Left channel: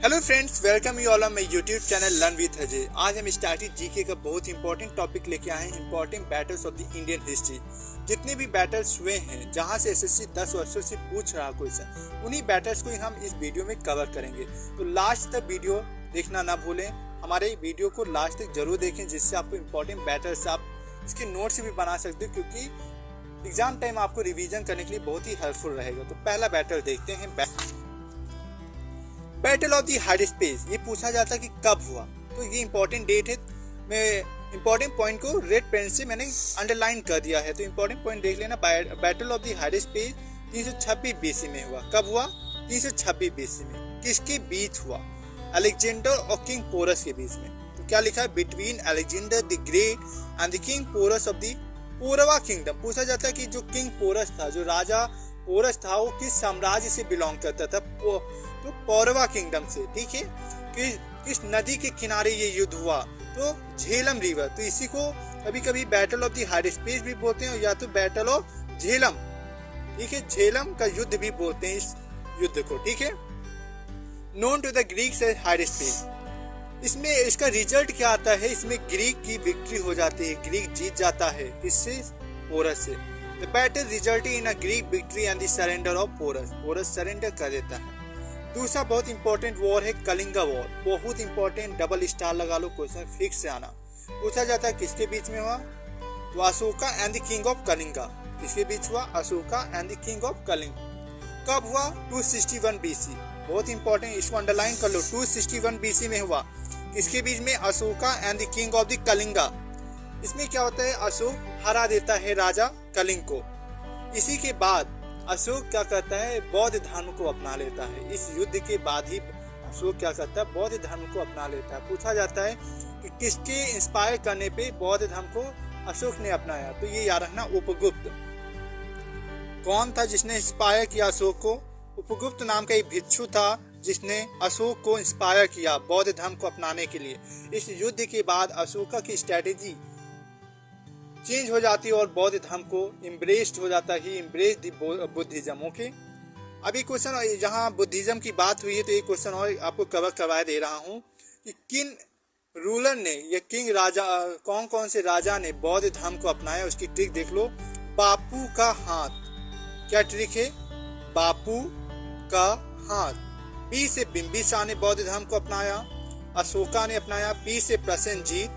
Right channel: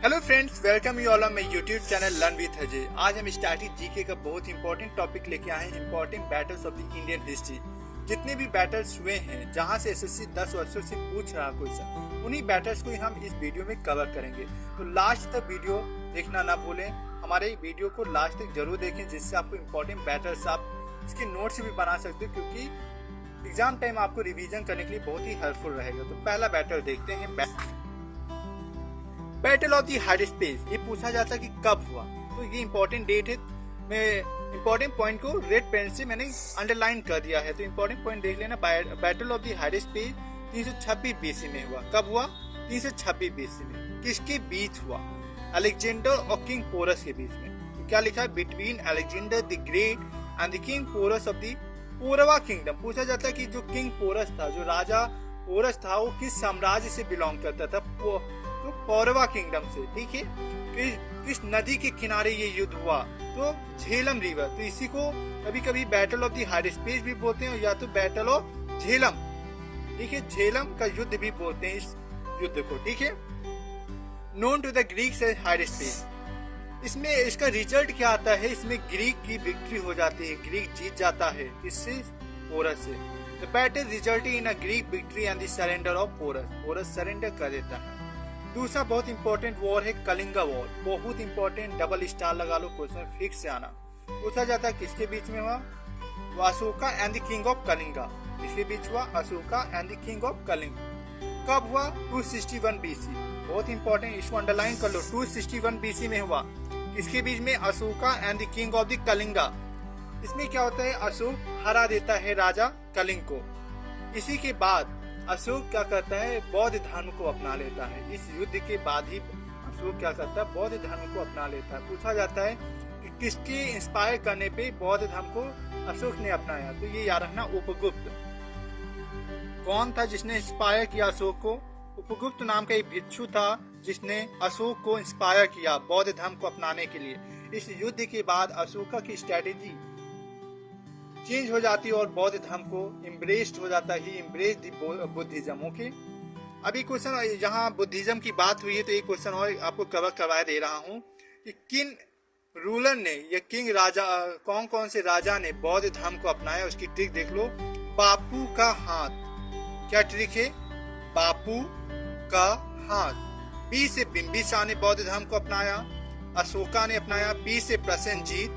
Hello friends, welcome you all on my YouTube channel learn with Ajay. आज हम static GK का बहुत important topic लेके आए हैं, important battles of the Indian history. जितने भी बैटल्स हुए हैं जहां से एसएससी 10 वर्षों से पूछ रहा क्वेश्चन, उन्हीं बैटल्स को ही हम इस वीडियो में कवर करेंगे। तो लास्ट तक वीडियो देखना ना भूलें, हमारे वीडियो को लास्ट तक जरूर देखें, जिससे आपको इंपॉर्टेंट बैटल्स आप इसके नोट्स भी बना सकते हो, क्योंकि एग्जाम टाइम आपको रिवीजन करने के लिए बहुत ही हेल्पफुल रहेगा। तो पहला बैटल देखते हैं, बैटल ऑफ द हाइडेस्पेस। ये पूछा जाता है कि कब हुआ, तो ये इंपॉर्टेंट डेट है। मैं इंपॉर्टेंट पॉइंट को रेड पेन से मैंने अंडरलाइन कर दिया है, तो इंपॉर्टेंट पॉइंट देख लेना। बैटल ऑफ द हाइडेस्पेस 326 बीसी में हुआ। कब हुआ? 326 बीसी में। किसके बीच हुआ? अलेक्जेंडर और किंग पोरस के बीच में। तो क्या लिखा है? Between Alexander the great and the king Porus of the Paurava kingdom. पूछा जाता है कि जो किंग पोरस था, जो राजा पोरस था, वो किस साम्राज्य से बिलोंग करता था? तो पौरवा किंगडम से। ठीक है, किस नदी के किनारे ये युद्ध हुआ? तो झेलम रिवर। तो इसी को कभी कभी बैटल ऑफ द हाइडेस्पेस भी बोलते हैं, या तो बैटल ऑफ झेलम। ठीक है, झेलम का युद्ध भी बोलते हैं इस युद्ध को। ठीक है, known to the Greeks as Hydaspes. इसमें इसका रिजल्ट क्या आता है? इसमें ग्रीक की विक्ट्री हो जाती है, ग्रीक जीत जाता है। किससे? पोरस से। The battle resulted in a Greek victory and the surrender of Porus. Porus surrender कर देता है। दूसरा बहुत इंपॉर्टेंट वॉर है कलिंगा वॉर। बहुत इंपॉर्टेंट, डबल स्टार लगा लो, क्वेश्चन फिक्स से आना। पूछा जाता है किसके बीच में हुआ? तो Ashoka and the king of Kalinga. किसके बीच हुआ? Ashoka and the king of Kalinga. कब हुआ? 261 बीसी। बहुत इंपॉर्टेंट, इसको अंडरलाइन कर लो। 261 बीसी में हुआ। किसके बीच में? Ashoka and the king of the Kalinga. इसमें क्या होता है? अशोक हरा देता है राजा कलिंग को। इसी के बाद अशोक क्या करता है? बौद्ध धर्म को अपना लेता है। इस युद्ध के बाद ही अशोक क्या करता है? बौद्ध धर्म को अपना लेता है। पूछा जाता है कि किसके इंस्पायर करने पे बौद्ध धर्म को अशोक ने अपनाया? तो ये याद रखना, उपगुप्त। कौन था जिसने इंस्पायर किया अशोक को? उपगुप्त नाम का एक भिक्षु था जिसने अशोक को इंस्पायर किया बौद्ध धर्म को अपनाने के लिए। इस युद्ध के बाद अशोका की स्ट्रेटेजी चेंज हो जाती है और बौद्ध धर्म को इम्ब्रेस्ड हो जाता है, इम्ब्रेस बुद्धिज्म। ओके, अभी क्वेश्चन जहाँ बुद्धिज्म की बात हुई है, तो एक क्वेश्चन और आपको कवर करवा दे रहा हूँ कि किन रूलर ने या किंग राजा, कौन कौन से राजा ने बौद्ध धर्म को अपनाया? उसकी ट्रिक देख लो। बापू का हाथ। क्या ट्रिक है? बापू का हाथ। बी से बिंबिसार ने बौद्ध धर्म को अपनाया, अशोका ने अपनाया, पी से प्रसेनजीत,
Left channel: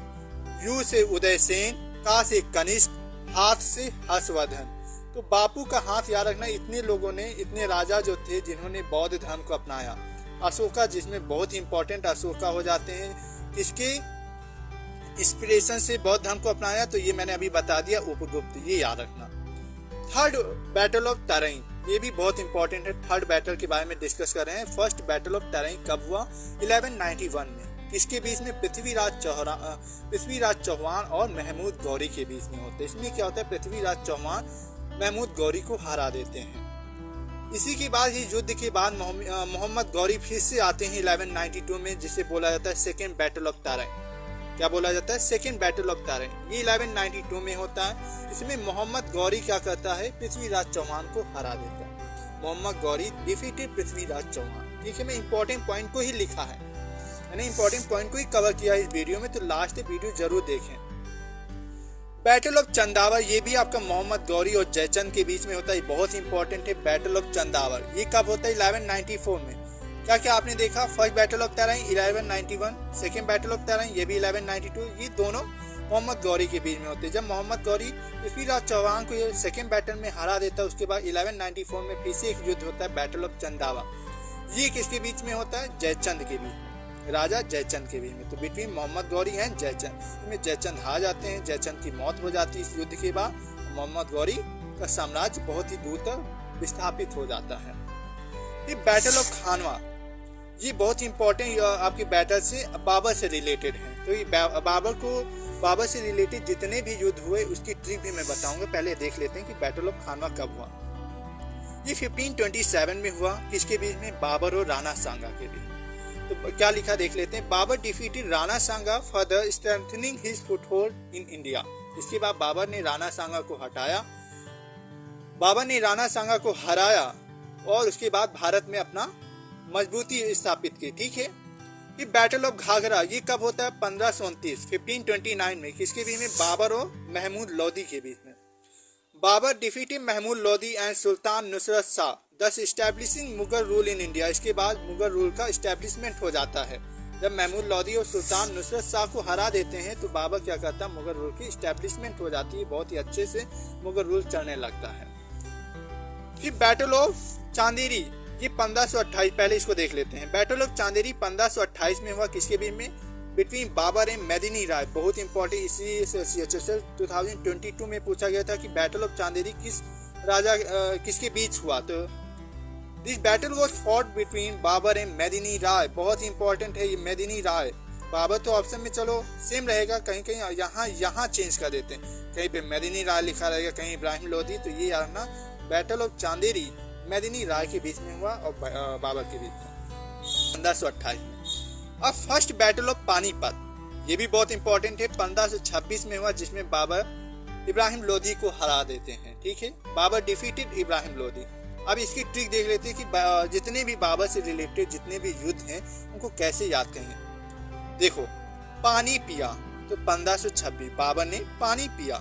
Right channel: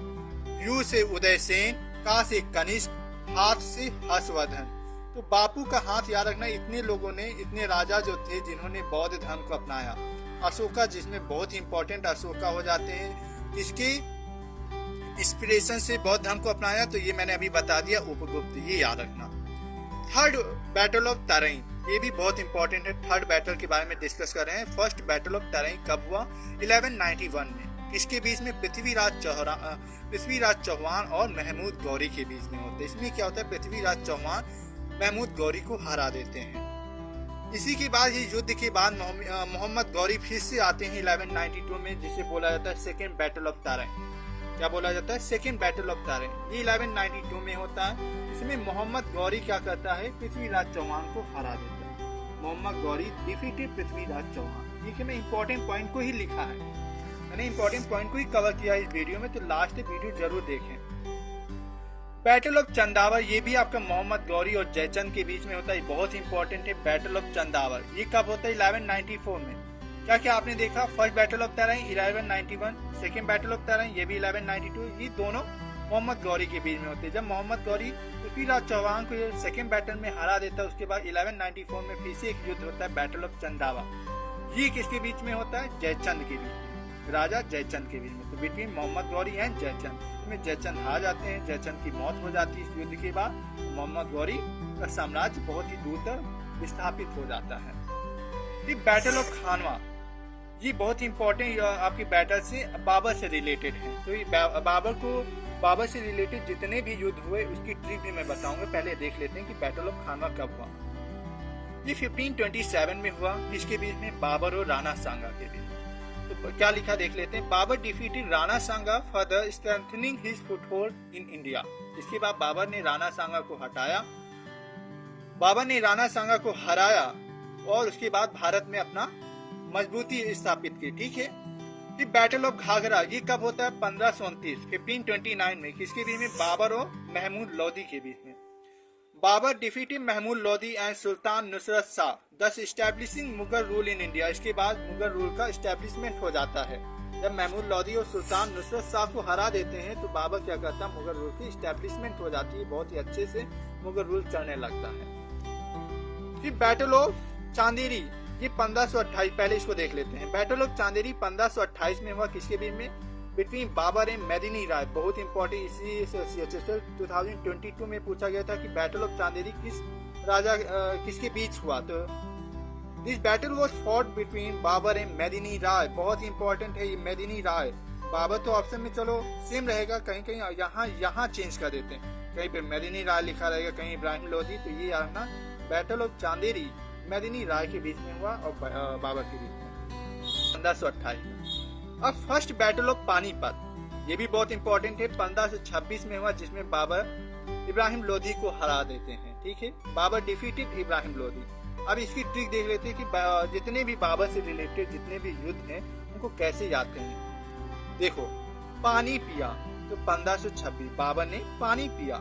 यू से उदयसेन, का से कनिष्क, हाथ से हर्षवर्धन। तो बापू का हाथ याद रखना। इतने लोगों ने, इतने राजा जो थे जिन्होंने बौद्ध धर्म को अपनाया। अशोका, जिसमें बहुत इंपॉर्टेंट अशोका हो जाते हैं, किसके इंस्पिरेशन से बौद्ध धर्म को अपनाया? तो ये मैंने अभी बता दिया, उपगुप्त। ये याद रखना। थर्ड बैटल ऑफ तराइन, ये भी बहुत इंपॉर्टेंट है। थर्ड बैटल के बारे में डिस्कस कर रहे हैं। फर्स्ट बैटल ऑफ तराइन कब हुआ? 1191 में। किसके बीच में? पृथ्वीराज चौहान और महमूद गौरी के बीच में होते हैं। इसमें क्या होता है? पृथ्वीराज चौहान महमूद गौरी को हरा देते हैं। इसी के बाद, ये युद्ध के बाद मोहम्मद गौरी फिर से आते हैं 1192 में, जिसे बोला जाता है सेकेंड बैटल ऑफ तराइन। क्या बोला जाता है? Second battle of Tarain. ये 1192 में होता है। इसमें मोहम्मद गौरी क्या करता है? पृथ्वीराज चौहान को हरा देता है। मोहम्मद गौरी डिफीटेड पृथ्वीराज चौहान। देखिए, मैं इंपॉर्टेंट पॉइंट को ही लिखा है, मैंने इंपॉर्टेंट पॉइंट को ही कवर किया इस वीडियो में, तो लास्ट वीडियो जरूर देखें। बैटल ऑफ चंदावर, ये भी आपका मोहम्मद गौरी और जयचंद के बीच में होता है। बहुत इंपॉर्टेंट है बैटल ऑफ चंदावर। ये कब होता है? 1194 में। क्या क्या आपने देखा? First battle of Tarain 1191, second battle of Tarain ये भी 1192। ये दोनों मोहम्मद गौरी के बीच में होते हैं। जब मोहम्मद गौरी पृथ्वीराज चौहान को ये सेकेंड बैटल में हरा देता है, उसके बाद 1194 में फिर से एक युद्ध होता है, बैटल ऑफ चंदावा। ये किसके बीच में होता है? जयचंद के बीच, राजा जयचंद के बीच में। तो बिटवीन मोहम्मद गौरी एंड जयचंद, इसमें जयचंद हार जाते हैं, जयचंद की मौत हो जाती है इस युद्ध के बाद। मोहम्मद गौरी का साम्राज्य बहुत ही दूर तक विस्थापित हो जाता है। ये बैटल ऑफ खानवा, ये बहुत इंपॉर्टेंट आपकी बैटल से बाबर से रिलेटेड है। तो ये बाबर से रिलेटेड जितने भी युद्ध हुए उसकी ट्रिक भी मैं बताऊंगा। पहले देख लेते हैं कि बैटल ऑफ खानवा कब हुआ। ये 1527 में हुआ। किसके बीच में? बाबर और राणा सांगा के बीच। तो क्या लिखा देख लेते हैं। Babur defeated Rana Sanga further strengthening his foothold in India. इसके बाद बाबर ने राणा सांगा को हटाया, बाबर ने राणा सांगा को हराया और उसके बाद भारत में अपना मजबूती स्थापित की। ठीक है, ये बैटल ऑफ घाघरा ये कब होता है? 1529 में। किसके बीच में? बाबर और महमूद लोदी के बीच में। Babar defeated Mahmood Lodi and sultan Nusrat Shah, दस establishing Mughal rule in India. इसके बाद मुगल रूल का एस्टैब्लिशमेंट हो जाता है। जब महमूद लोदी और सुल्तान नुसरत शाह को हरा देते हैं तो बाबर क्या करता है? मुगल रूल की एस्टैब्लिशमेंट हो जाती है, बहुत ही अच्छे से मुगल रूल चलने लगता है। फिर बैटल ऑफ चांदेरी ये 1528, पहले इसको देख लेते हैं। बैटल ऑफ चांदेरी 1528 में हुआ। किसके बीच में? Between Babur and Medini Rai. बहुत इंपॉर्टेंट, इसलिए 2022 में पूछा गया था कि बैटल ऑफ चांदेरी किसके बीच हुआ। तो this battle was fought between Babur and Medini Rai. बहुत इंपॉर्टेंट है ये मेदिनी राय। बाबर तो ऑप्शन में चलो सेम रहेगा, कहीं कहीं यहाँ चेंज कर देते हैं, कहीं पे मेदिनी राय लिखा रहेगा, कहीं इब्राहिम लोदी। तो ये ना बैटल ऑफ चांदेरी मेदिनी राय के बीच में हुआ और बाबर के बीच में 1528 में। अब फर्स्ट बैटल ऑफ पानीपत ये भी बहुत इंपॉर्टेंट है, 1526 में हुआ, जिसमें बाबर इब्राहिम लोदी को हरा देते हैं। ठीक है, बाबर डिफीटेड इब्राहिम लोदी। अब इसकी ट्रिक देख लेते हैं कि जितने भी बाबर से रिलेटेड जितने भी युद्ध हैं उनको कैसे याद करें। देखो, पानी पिया तो 1526 बाबर ने पानी पिया।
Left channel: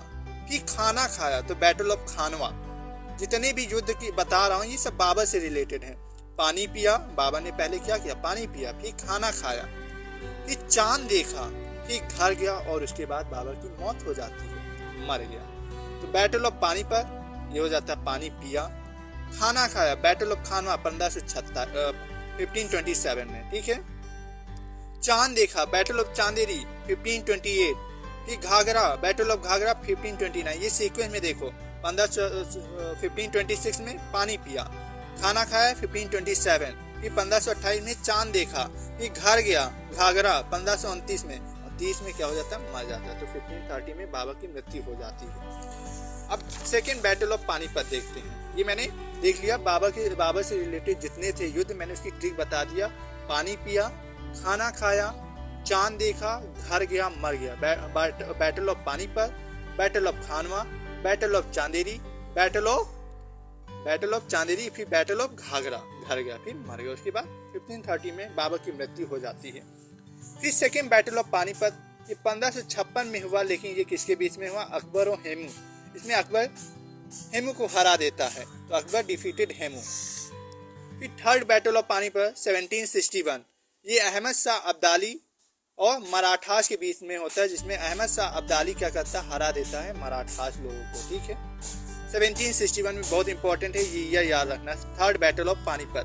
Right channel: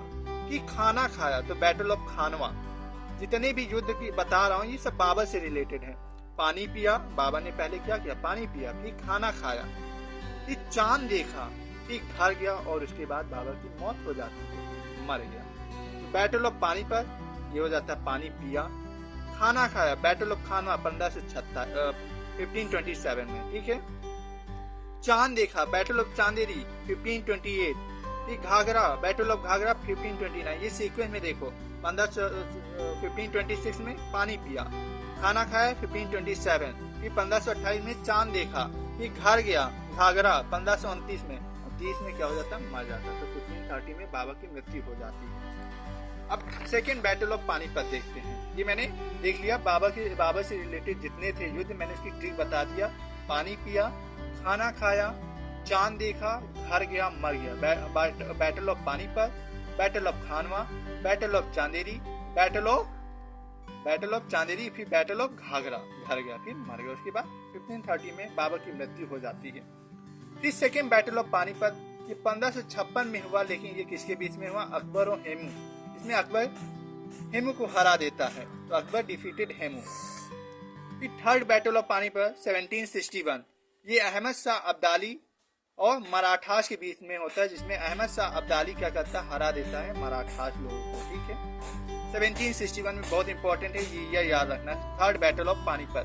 फिर खाना खाया तो बैटल ऑफ खानवा। जितने भी युद्ध की बता रहा हूँ ये सब बाबर से रिलेटेड है। पानी पिया, बाबर ने पहले क्या किया? पानी पिया, फिर खाना खाया, फिर चांद देखा, फिर घर गया और उसके बाद बाबर की मौत हो जाती है, मर गया। तो बैटल ऑफ पानीपत ये हो जाता है पानी पिया। खाना खाया, बैटल ऑफ खानवा 1527 में। ठीक है, चांद देखा, बैटल ऑफ चांदेरी 1528। फिर घाघरा, बैटल ऑफ घाघरा 1529। ये सीक्वेंस में देखो, 1526 में पानी पिया, खाना खाया 1527, फिर 1528 में चांद देखा, फिर घर गया घाघरा 1529 में, और 30 में क्या हो जाता है? मर जाता है। तो 1530 में बाबर की मृत्यु हो जाती है। अब सेकेंड बैटल ऑफ पानीपत देखते हैं। ये मैंने देख लिया, बाबर से रिलेटेड जितने थे युद्ध मैंने उसकी ट्रिक बता दिया। पानी पिया, खाना खाया, चांद देखा, घर गया, मर गया। Battle of Panipat, battle of Khanwa, battle of Chanderi, battle of Chanderi, फिर बैटल ऑफ घाघरा, घर गया, फिर मर गया। उसके बाद 1530 में बाबर की मृत्यु हो जाती है। फिर सेकेंड बैटल ऑफ पानीपत ये 1556 में हुआ, लेकिन ये किसके बीच में हुआ? अकबर और हेमू। इसमें अकबर हेमू को हरा देता है, तो अकबर डिफीटेड हेमू। फिर थर्ड बैटल ऑफ पानीपत 1761 ये अहमद शाह अब्दाली और मराठास के बीच में होता है, जिसमें अहमद शाह अब्दाली क्या करता है? हरा देता है मराठास लोगों को। ठीक है, 1761 में बहुत इंपॉर्टेंट है, ये याद रखना। Third battle of Panipat.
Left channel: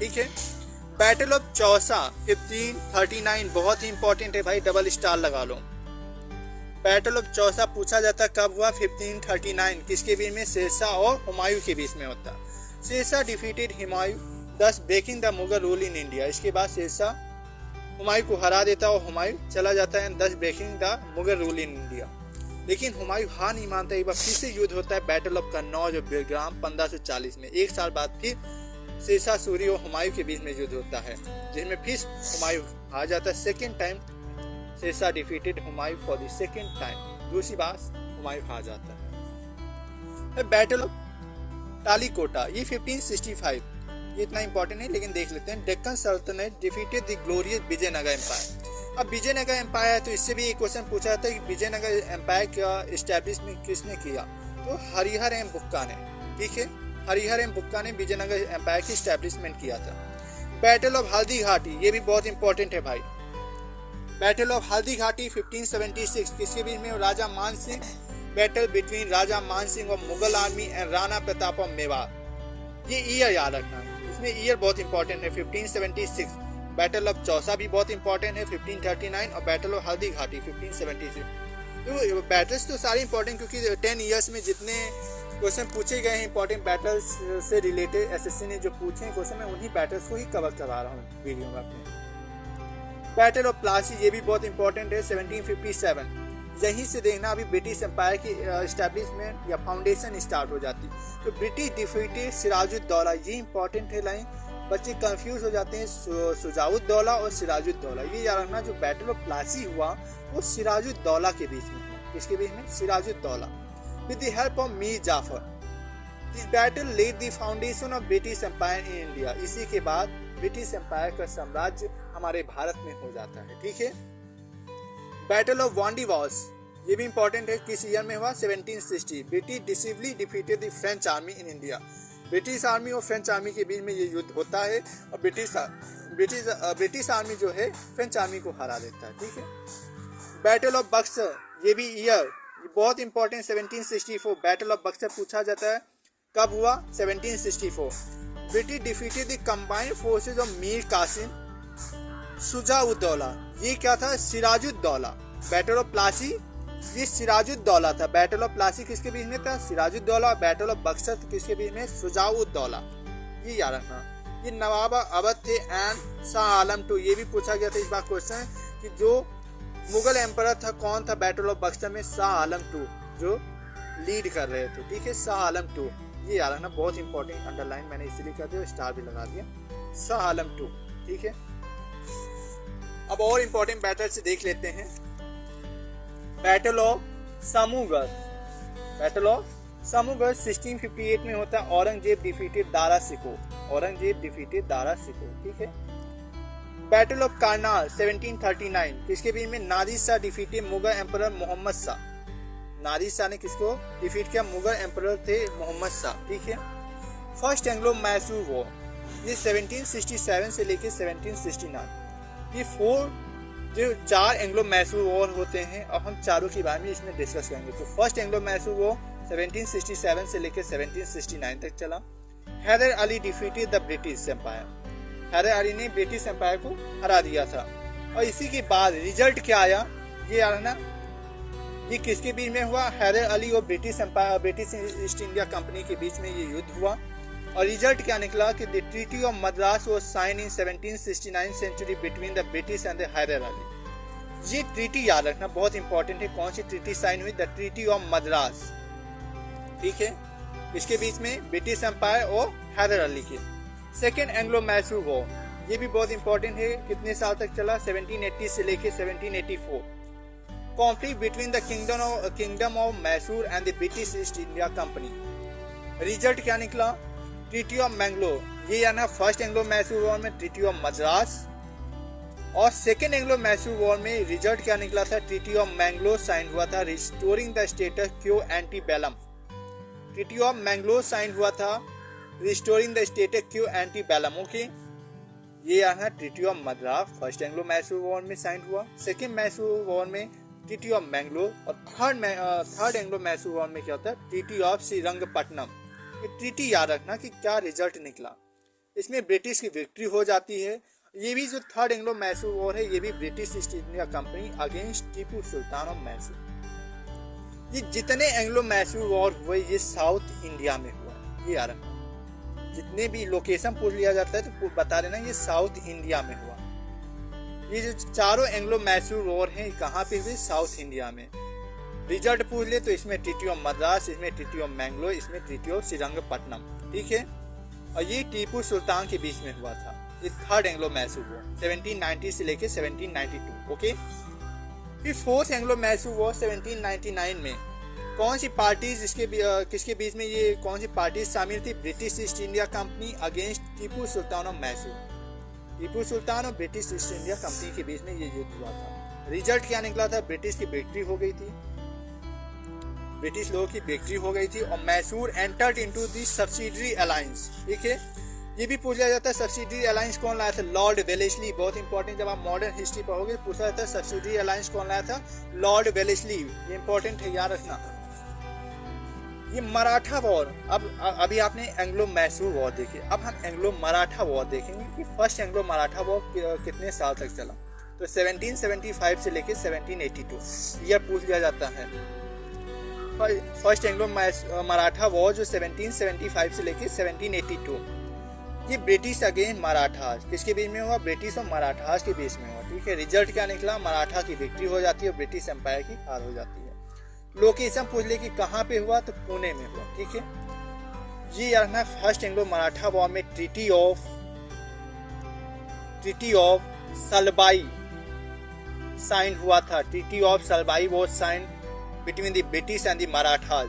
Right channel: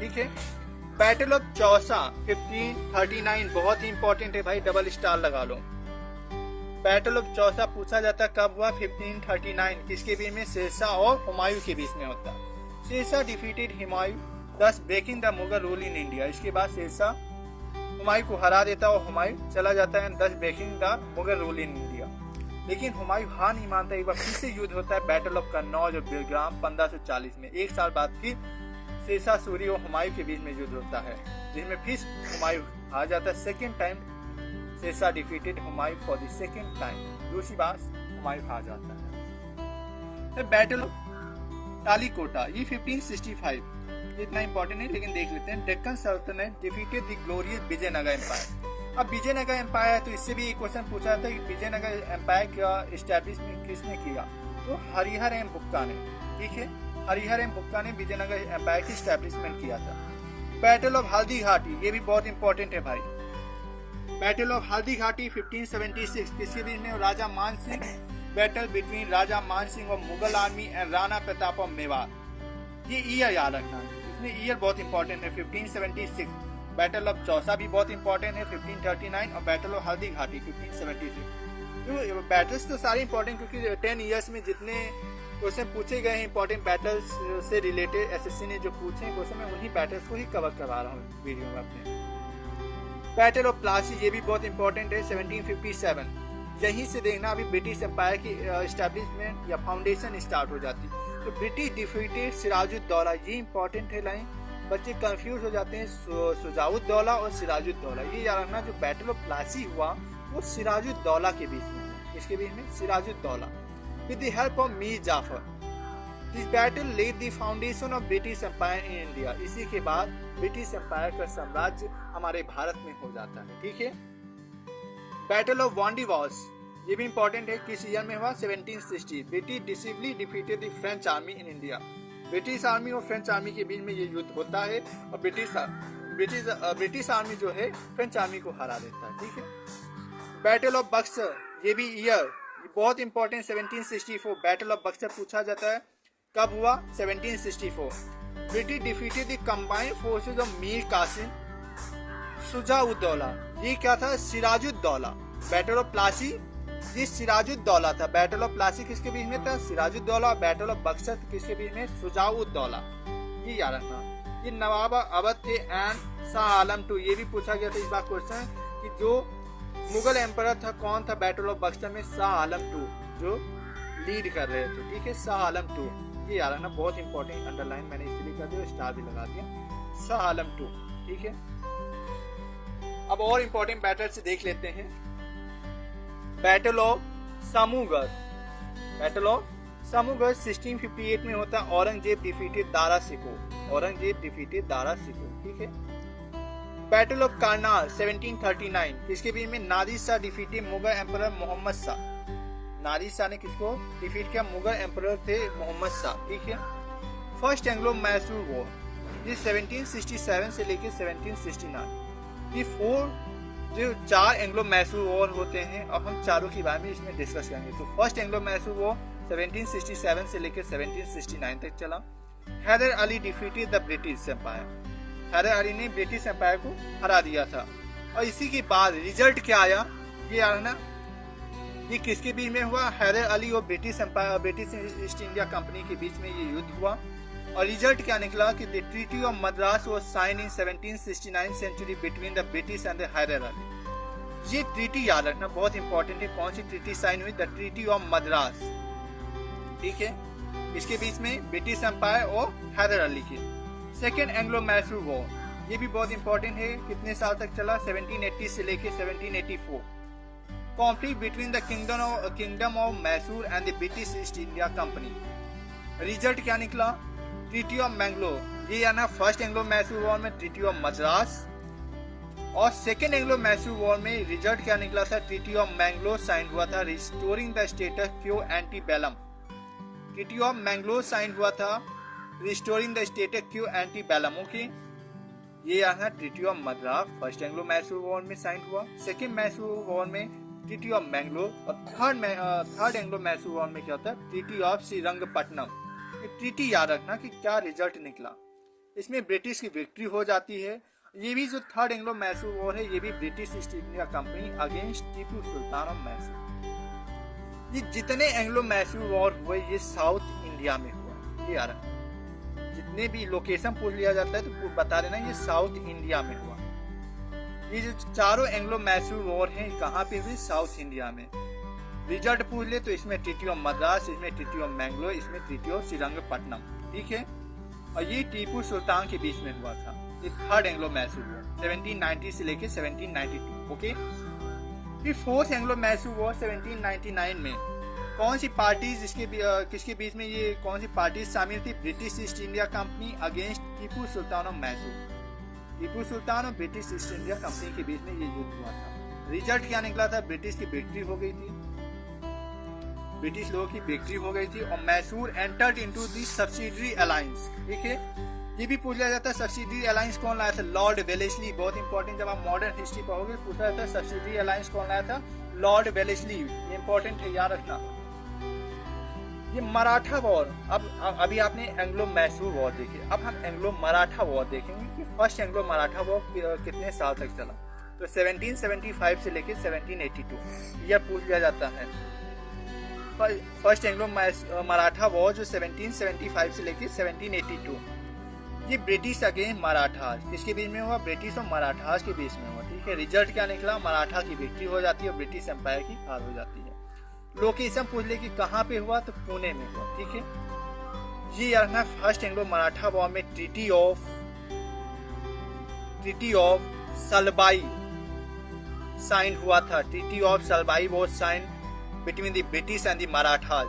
ठीक है, बैटल ऑफ चौसा 1539 बहुत ही इंपॉर्टेंट है भाई, डबल स्टार लगा लो। बैटल ऑफ चौसा पूछा जाता है कब हुआ? 1539। किसके बीच में? शेरशाह और हुमायूं के बीच में होता है। Sher Shah defeated Humayun, thus breaking the Mughal rule in India. इसके बाद शेरशाह हुमायूं को हरा देता है और हुमायूं चला जाता है, thus breaking the Mughal rule in India. लेकिन हुमायूं हार नहीं मानता, एक बार फिर से युद्ध होता है बैटल ऑफ कन्नौज और बेलग्राम 1540 में। एक साल बाद फिर शेरशाह सूरी और हुमायूं के बीच में युद्ध होता है, जिसमें फिर हुमायूं हार जाता है। Second time Sher Shah defeated Humayun for the second time. दूसरी बार हुमायूं हार जाता है। बैटल ऑफ तालीकोटा ये 1565, ये इतना इंपॉर्टेंट है लेकिन देख लेते हैं। डेक्कन सल्तनत defeated the glorious Vijayanagara empire. अब विजयनगर एम्पायर है तो इससे भी एक क्वेश्चन पूछा जाता है कि विजयनगर एम्पायर का एस्टैब्लिशमेंट किसने किया? तो हरिहर एंड बुक्का ने। ठीक है, हरिहर एंड बुक्का ने विजयनगर एम्पायर की एस्टैब्लिशमेंट किया था। बैटल ऑफ हल्दी घाटी ये भी बहुत इंपॉर्टेंट है भाई। बैटल ऑफ हल्दी घाटी 1576 किसके बीच में? राजा मान सिंह, बैटल बिटवीन राजा मान सिंह और Mughal army and Rana Pratap of Mewar. ये ईयर याद रखना, इसमें ईयर बहुत इंपॉर्टेंट है। 1576 बैटल ऑफ चौसा भी बहुत इंपॉर्टेंट है 1539, और बैटल ऑफ हल्दी घाटी 1576। तो बैटल्स तो सारे इंपॉर्टेंट, क्योंकि 10 ईयर्स में जितने क्वेश्चन पूछे गए हैं इंपॉर्टेंट बैटल्स से रिलेटेड, एसएससी ने जो पूछे हैं क्वेश्चन, मैं उन्हीं बैटल्स को ही कवर करा रहा हूँ वीडियो में अपने। बैटल ऑफ प्लासी ये भी बहुत इंपॉर्टेंट है 1757। यहीं से देखना अभी ब्रिटिश एम्पायर की एस्टैब्लिशमेंट या फाउंडेशन स्टार्ट हो जाती। तो ब्रिटिश डिफीटेड सिराजुद्दौला, ये इंपॉर्टेंट है लाइन, बच्चे कंफ्यूज हो जाते हैं सुजाउद्दौला और सिराजुद्दौला। ये याद रखना, जो बैटल ऑफ प्लासी हुआ वो सिराजुद्दौला के बीच में हुआ। किसके बीच में? Sirajuddaula. With the help of Mir Jafar. This battle led the foundation of British empire in India. इसी के बाद ब्रिटिश एम्पायर का साम्राज्य हमारे भारत में हो जाता है। ठीक है। बैटल ऑफ वांडीवास, ये भी इंपॉर्टेंट है। किस ईयर में हुआ? 1760। British decisively defeated the French army in India. British army और फ्रेंच आर्मी के बीच में ये युद्ध होता है और ब्रिटिश आर्मी जो है फ्रेंच आर्मी को हरा देता है। ठीक है। बैटल ऑफ बक्सर, ये भी ईयर बहुत इंपॉर्टेंट, 1764। बैटल ऑफ बक्सर पूछा जाता है कब हुआ? 1764। British defeated the combined forces of Mir Qasim Shuja-ud-Daula. ये क्या था? सिराजुद्दौला। बैटल ऑफ प्लासी, ये सिराजुद्दौला था। बैटल ऑफ प्लासी किसके बीच में था? सिराजुद्दौला। बैटल ऑफ बक्सर किसके बीच में? शुजा-उद-दौला। ये याद रखना। ये नवाब अवध थे एंड शाह आलम टू, ये भी पूछा गया था इस बार क्वेश्चन कि जो मुगल एम्परर था कौन था बैटल ऑफ बक्सर में? शाह आलम टू, जो लीड कर रहे थे। ठीक है। शाह आलम टू, ये याद रखना, बहुत इंपॉर्टेंट, अंडरलाइन मैंने इसलिए कर दिया, स्टार भी लगा दिया। शाह आलम टू। ठीक है। अब और इंपॉर्टेंट बैटल से देख लेते हैं। Battle of Samugarh. Battle of Samugarh 1658 में होता है। औरंगजेब डिफीटेड दारा शिकोह। औरंगजेब डिफीटेड दारा शिकोह। ठीक है। बैटल ऑफ कारनाल 1739, किसके बीच में? Nadir Shah defeated Mughal emperor Mohammad Shah. नादिर शाह ने किसको डिफीट किया? मुगल एम्परर थे मोहम्मद शाह। ठीक है। फर्स्ट एंग्लो मैसूर वॉर, ये 1767 से लेकर 1769। ये जो 4 एंग्लो मैसूर वॉर होते हैं, अब हम चारों के बारे में इसमें डिस्कस करेंगे। तो फर्स्ट एंग्लो मैसूर वॉर 1767 से लेकर 1769 तक चला। Haider Ali defeated the British empire. Haider Ali ने ब्रिटिश एम्पायर को हरा दिया था। और इसी के बाद रिजल्ट क्या आया? ये आया ना, ये किसके बीच में हुआ? हैदर अली और British empire, British East India company के बीच में ये युद्ध हुआ। और रिजल्ट क्या निकला कि the treaty of Madras was sign in 1769 century between the British and the Haider Ali. ये ट्रीटी याद रखना, बहुत इंपॉर्टेंट है। कौन सी ट्रीटी साइन हुई? The treaty of Madras. ठीक है। इसके बीच में ब्रिटिश एम्पायर और हैदर अली के। सेकेंड एंग्लो मैसूर वॉर, ये भी बहुत इंपॉर्टेंट है। कितने साल तक चला? 1780 से लेकर 1784। Conflict between the kingdom of Mysore and the British East India company. Result क्या निकला? Treaty of Mangalore. ये आना फर्स्ट एंग्लो मैसूर वॉर में ट्रीटी ऑफ मद्रास, और सेकेंड एंग्लो मैसूर वॉर में रिजल्ट क्या निकला था? ट्रीटी ऑफ मैंगलोर साइन हुआ था, restoring the status quo ante bellum. Treaty of Mangalore sign हुआ था, restoring the status quo ante bellum. Okay. ये आना treaty of Madras first Anglo Mysore war में साइन हुआ। सेकेंड मैसूर वॉर में ट्रीटी ऑफ मैंगलोर, और थर्ड एंग्लो मैसूर वॉर में क्या होता है? Treaty of Srirangapatnam. ये ट्रीटी याद रखना कि क्या रिजल्ट निकला। इसमें ब्रिटिश की विक्ट्री हो जाती है। ये भी जो थर्ड एंग्लो मैसूर वॉर है, ये भी British East India company against Tipu Sultan of Mysore. ये जितने एंग्लो मैसूर वॉर हुए ये साउथ इंडिया में हुआ। ये याद रखना, जितने भी लोकेशन पूछ लिया जाता है तो बता देना ये साउथ इंडिया में हुआ। ये जो चारों एंग्लो मैसूर वॉर हैं कहाँ पे हुई? साउथ इंडिया में। रिजल्ट पूछ ले तो इसमें ट्रीटी ऑफ मद्रास, इसमें ट्रीटी ऑफ मैंगलोर, इसमें ट्रीटी ऑफ श्रीरंगपट्टनम। ठीक है। और ये टीपू सुल्तान के बीच में हुआ था। ये थर्ड एंग्लो मैसूर वॉर 1790 से लेके 1792। ओके। फिर फोर्थ एंग्लो मैसूर वॉर 1799 में कौन सी पार्टी किसके बीच में ये कौन सी पार्टी शामिल थी? British East India company against Tipu Sultan of Mysore. Tipu Sultan और ब्रिटिश ईस्ट इंडिया कंपनी के बीच में ये युद्ध हुआ था। रिजल्ट क्या निकला था? ब्रिटिश की विक्ट्री हो गई थी, ब्रिटिश लोगों की विक्ट्री हो गई थी, और Mysore entered into the subsidiary alliance. ठीक है। ये भी पूछा जाता है सब्सिडरी अलायंस कौन लाया था? Lord Wellesley. बहुत इंपॉर्टेंट, जब आप मॉडर्न हिस्ट्री पढ़ोगे पूछा जाता है सब्सिडरी अलायंस कौन लाया था? Lord Wellesley. ये इंपॉर्टेंट है, याद रखना। ये मराठा वॉर, अब अभी आपने एंग्लो मैसूर वॉर देखी, अब हम एंग्लो मराठा वॉर देखेंगे कि फर्स्ट एंग्लो मराठा वॉर कितने साल तक चला। तो 1775 से लेकर 1782 यह पूछ लिया जाता है। फर्स्ट एंग्लो मराठा वॉर जो 1775 से लेकर 1782, ये ब्रिटिश अगेंस्ट मराठास किसके बीच में हुआ? ब्रिटिश और मराठास के बीच में हुआ। ठीक है। रिजल्ट क्या निकला? मराठा की विक्ट्री हो जाती है, ब्रिटिश एम्पायर की हार हो जाती है। लोकेशन पूछ ले कि कहाँ पे हुआ? तो पुणे में हुआ। ठीक है। ये रखना फर्स्ट एंग्लो मराठा वॉर में ट्रीटी ऑफ सलबाई साइन हुआ था। Treaty of Salbai was sign between the British and the Marathas.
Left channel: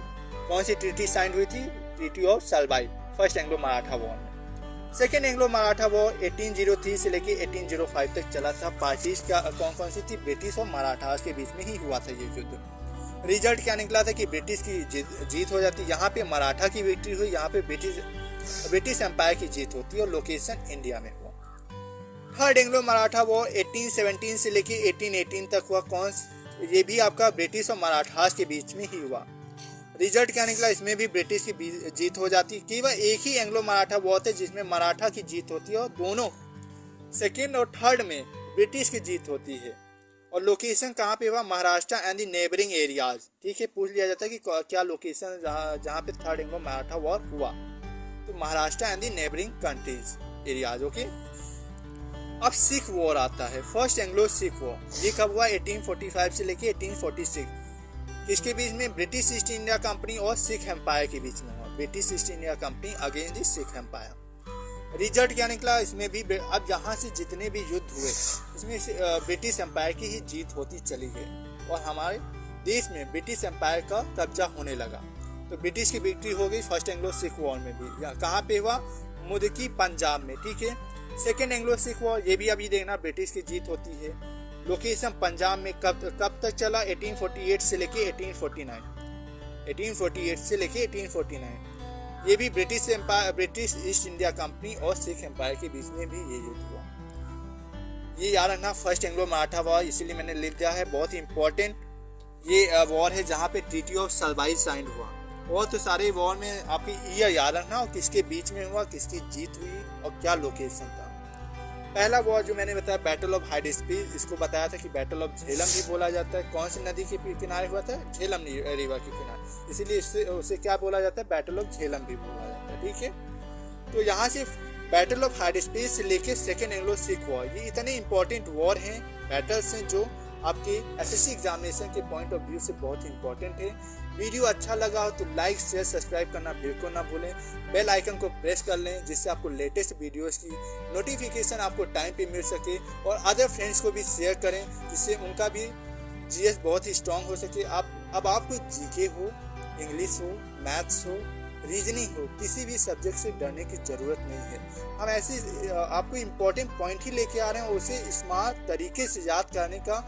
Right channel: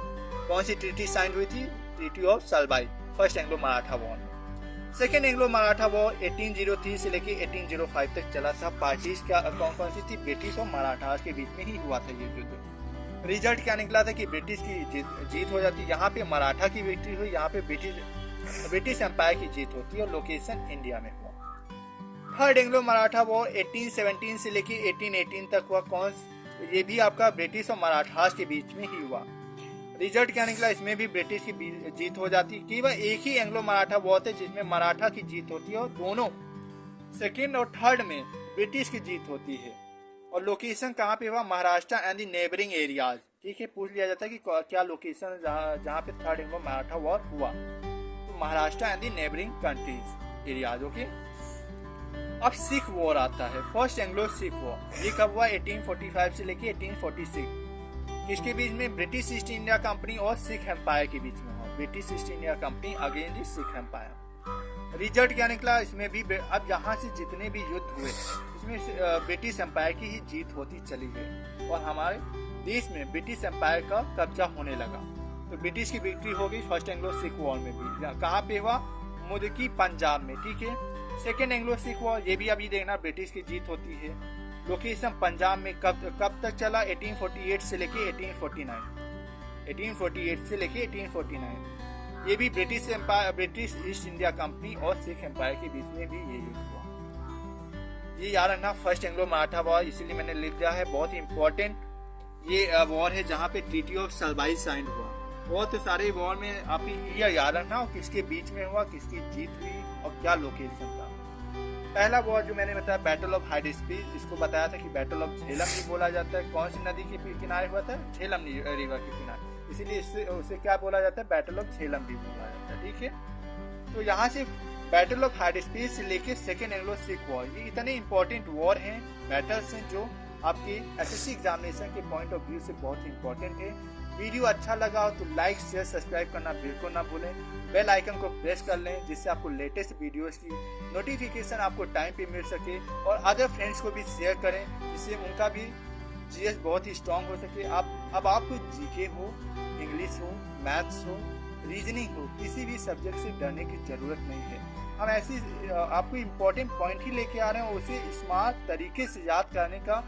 कौन सी ट्रीटी साइन हुई थी? Treaty of Salbai first Anglo Maratha war में। सेकेंड एंग्लो मराठा वॉर 1803 से लेके 1805 तक चला था। पार्टीज का कौन सी थी? ब्रिटिश और मराठास के बीच में ही हुआ था ये युद्ध। रिजल्ट क्या निकला था कि ब्रिटिश की जीत हो जाती, यहाँ पे मराठा की विक्ट्री हुई, यहाँ पे ब्रिटिश एम्पायर की जीत होती और लोकेशन इंडिया में हुआ। थर्ड एंग्लो मराठा वॉर 1817 से लेके 1818 तक हुआ। ये भी आपका ब्रिटिश और मराठास के बीच में ही हुआ। रिजल्ट क्या निकला? इसमें भी ब्रिटिश की जीत हो जाती। केवल एक ही एंग्लो मराठा वॉर थे जिसमें मराठा की जीत होती है और दोनों सेकेंड और थर्ड में ब्रिटिश की जीत होती है। और लोकेशन कहाँ पे हुआ? Maharashtra and the neighbouring areas. ठीक है, पूछ लिया जाता है कि क्या लोकेशन जहाँ पे थर्ड एंग्लो मराठा वॉर हुआ, तो Maharashtra and the neighbouring countries areas. Okay, अब सिख वॉर आता है, फर्स्ट एंग्लो सिख वॉर। ये कब हुआ? 1845 से लेके 1846। इसके बीच में ब्रिटिश ईस्ट इंडिया कंपनी और सिख एम्पायर के बीच में हुआ। British East India company against the Sikh empire. Result क्या निकला? इसमें भी अब यहाँ से जितने भी युद्ध हुए इसमें ब्रिटिश एम्पायर की ही जीत होती चली गई और हमारे देश में ब्रिटिश एम्पायर का कब्जा होने लगा। तो ब्रिटिश की विक्ट्री हो गई फर्स्ट एंग्लो सिख वॉर में भी। कहाँ पे हुआ? मुदकी पंजाब में। ठीक है, सेकेंड एंग्लो सिख वॉर, ये भी अभी देखना, ब्रिटिश की जीत होती है। लोकेशन पंजाब में कब तक चला? 1848 से लेके 1849। 1848 से लेके 1849। ये भी ब्रिटिश ईस्ट इंडिया कंपनी और सिख एम्पायर के बीच में भी ये युद्ध हुआ। ये याद रखना, फर्स्ट एंग्लो मराठा वॉर, इसलिए मैंने लिख दिया है, बहुत ही इंपॉर्टेंट ये वॉर है जहाँ पे ट्रीटी ऑफ सलबाई साइन हुआ। बहुत सारे वॉर में आपकी ये याद रखना और किसके बीच में हुआ, किसकी जीत हुई और क्या लोकेशन था। पहला वॉर जो मैंने बताया बैटल ऑफ हाइडेस्पी, इसको बताया था कि बैटल ऑफ झेलम भी बोला जाता है। कौन सी नदी के किनारे हुआ था? झेलम रिवर के किनारे, इसीलिए उसे क्या बोला जाता है? बैटल ऑफ झेलम भी बोला जाता है। ठीक है, तो यहाँ से बैटल ऑफ हाइडेस्पी से लेके सेकेंड एंग्लो सिख वॉर, ये इतने इंपॉर्टेंट वॉर हैं, बैटल्स हैं जो आपके एसएससी एग्जामिनेशन के पॉइंट ऑफ व्यू से बहुत इंपॉर्टेंट है। वीडियो अच्छा लगा हो तो लाइक शेयर सब्सक्राइब करना बिल्कुल ना भूलें। बेल आइकन को प्रेस कर लें जिससे आपको लेटेस्ट वीडियोस की नोटिफिकेशन आपको टाइम पे मिल सके, और अदर फ्रेंड्स को भी शेयर करें जिससे उनका भी जीएस बहुत ही स्ट्रांग हो सके। अब आपको जीके हो, इंग्लिश हो, मैथ्स हो, रीजनिंग हो, किसी भी सब्जेक्ट से डरने की जरूरत नहीं है। हम ऐसे आपको इम्पोर्टेंट पॉइंट ही लेके आ रहे हैं और उसे स्मार्ट तरीके से याद करने का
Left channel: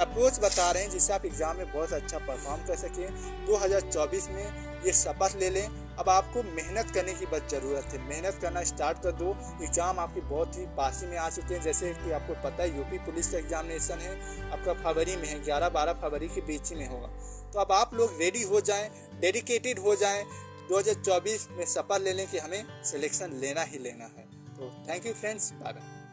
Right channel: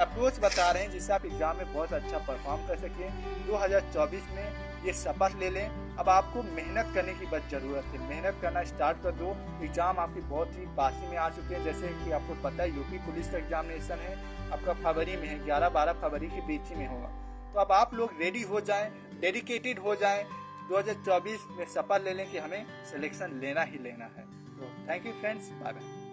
अप्रोच बता रहे हैं जिससे आप एग्जाम में बहुत अच्छा परफॉर्म कर सकें। 2024 में ये शपथ ले लें, अब आपको मेहनत करने की बस ज़रूरत है। मेहनत करना स्टार्ट कर दो, एग्ज़ाम आपके बहुत ही पास में आ चुके हैं। जैसे कि आपको पता है यूपी पुलिस का एग्जामिनेशन है आपका फरवरी में है, 11-12 फरवरी के बीच में होगा। तो अब आप लोग रेडी हो जाएं, डेडिकेटेड हो जाएं, 2024 में शपथ ले लें कि हमें सिलेक्शन लेना ही लेना है। तो thank you friends, bye bye.